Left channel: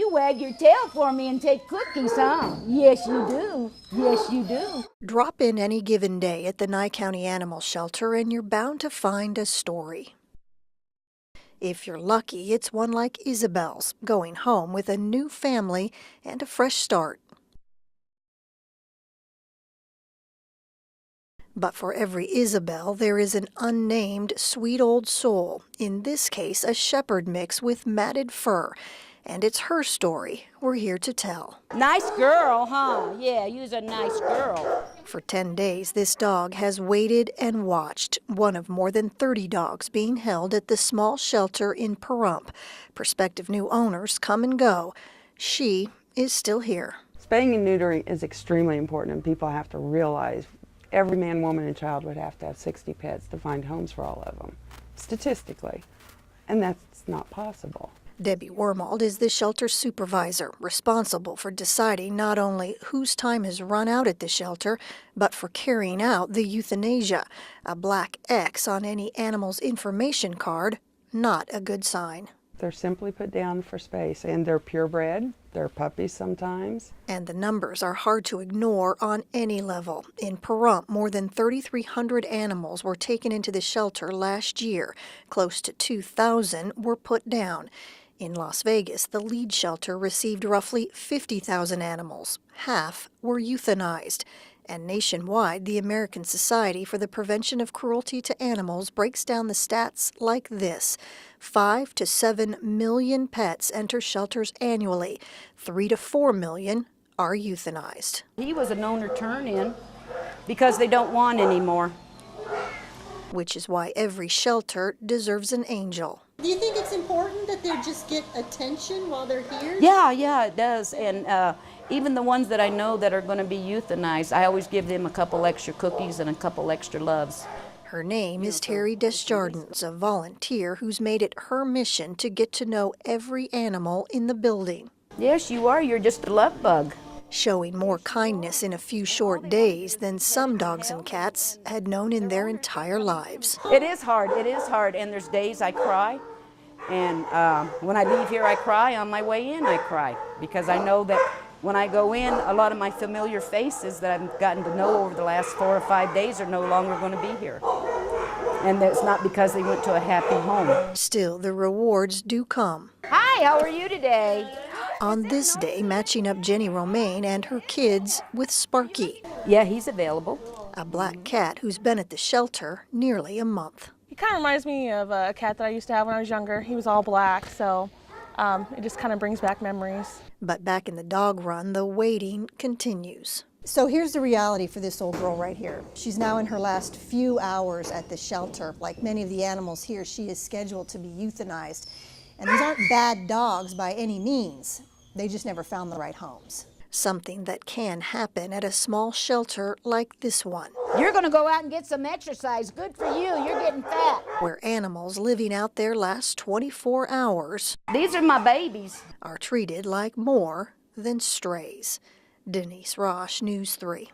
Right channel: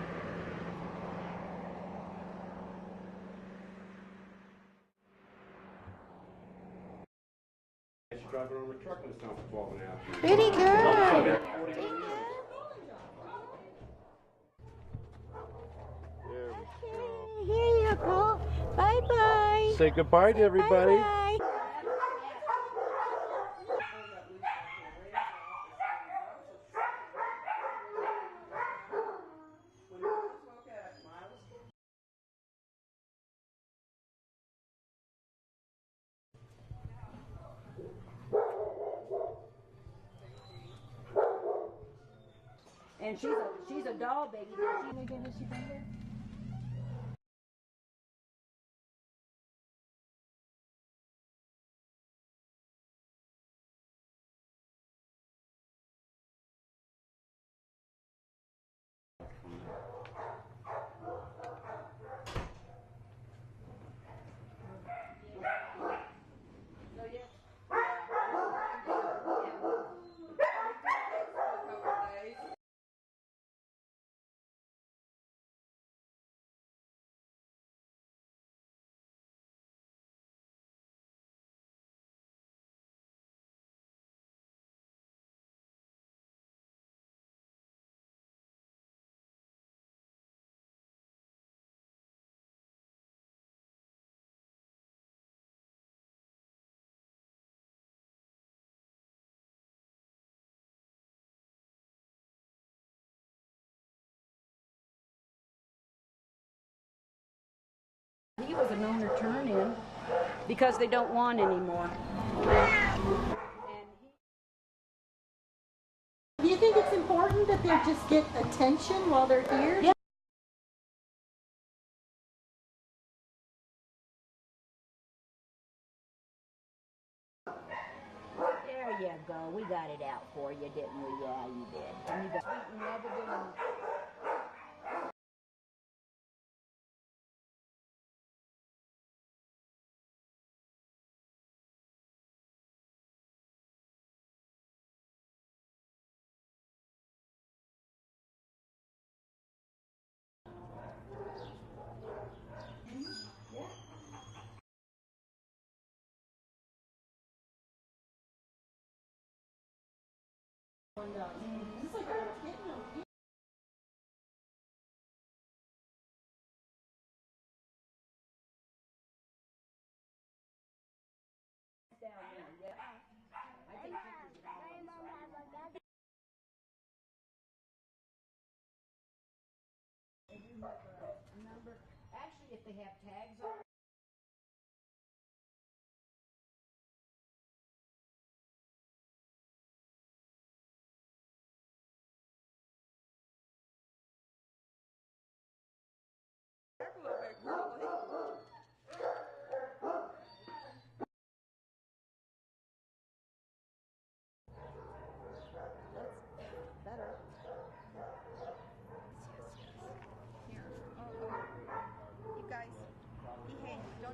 You wag your tail for me and take cookies, huh? Yes, you do. Yes, you do. Drop in any given day at the Nye County Animal Shelter and you're bound to find a story. Pretty girl. If you're lucky, it's one like Isabel's, going home with a new family and a fresh start. Here you go. Bye-bye. Say goodbye to everybody. Bye-bye. But for every Isabel, there is an unnamed sweet old soul, in this case a shepherd mix with matted fur. And it's her story we're here to tell. Nice girl, huh? Yeah, you's a nice girl. For 10 days, this dog has waited and watched, one of more than 30 dogs being held at the small shelter in Pahrump. Prospective new owners come and go. She is still here. Spaying and neutering is extremely important, and people have to realize every man, woman, and child would have to have 60 pets to find homes for all of them, statistically, and that's not possible. Debbie Wormald is the shelter supervisor, responsible for deciding not only whose time has run out at the shelter, but for carrying out the euthanasia. A black X on any animal's information card, not a good sign. They're simply put down for space, and they're purebred, they're puppies sometimes. And the numbers are hard to ignore on any level. In Pahrump, more than 3,300 animals were taken into the shelter last year. Close to 2,000 were put down. In Las Vegas, the lead shelter received roughly 50,000 animals. Half were euthanized. And nationwide, the American Society for the Prevention of Cruelty to Animals breaks down the stats like this. 5 to 7 million pets enter shelters annually. 3 to 4 million are euthanized. He was a known return-in because they don't want any more. Which is why every shelter deserves an angel. Do you think it's important that they just get attention while they're here? Yeah, it does. And even the ones that I know that are going to be euthanized, I always give them a couple extra cookies and a couple extra loves. Her name is Terry Desjardins, a volunteer who's made it her mission to get to know every animal in the building. Yes, you are. You're just a love bug. Showing more kindness in a few short days than some dogs and cats had known in their entire lives. It is hard, and there's days I cry, and when I leave here I cry, on my way in I cry, because I know that when I go in, a lot of my familiar faces that I've gotten to know over the last 4 or 5 days are no longer going to be here. And that's not because they went to a happy home. Still, the rewards do come. Hi, how are you today? On this day, matching up Jenny Romaine and her kids with Sparky, Yeah, he's available. a black cat who's been at the shelter nearly a month. He kind of reminds me of a cat that I used to have when I was younger. He was all black, so it just kind of brings back memories. But back in the dog run, the waiting continues. So here's the reality for this old girl right here. She's now in her last few hours at the shelter. Like many of the animals here, she is scheduled to be euthanized. And these aren't bad dogs by any means. They just never found the right homes. Something that can happen at a small shelter like this one, You're going to go out and get some exercise. Good for you. You're getting fat. where animals living out their last 24 hours These are my babies. are treated like more than strays. Denise Rosh, News 3.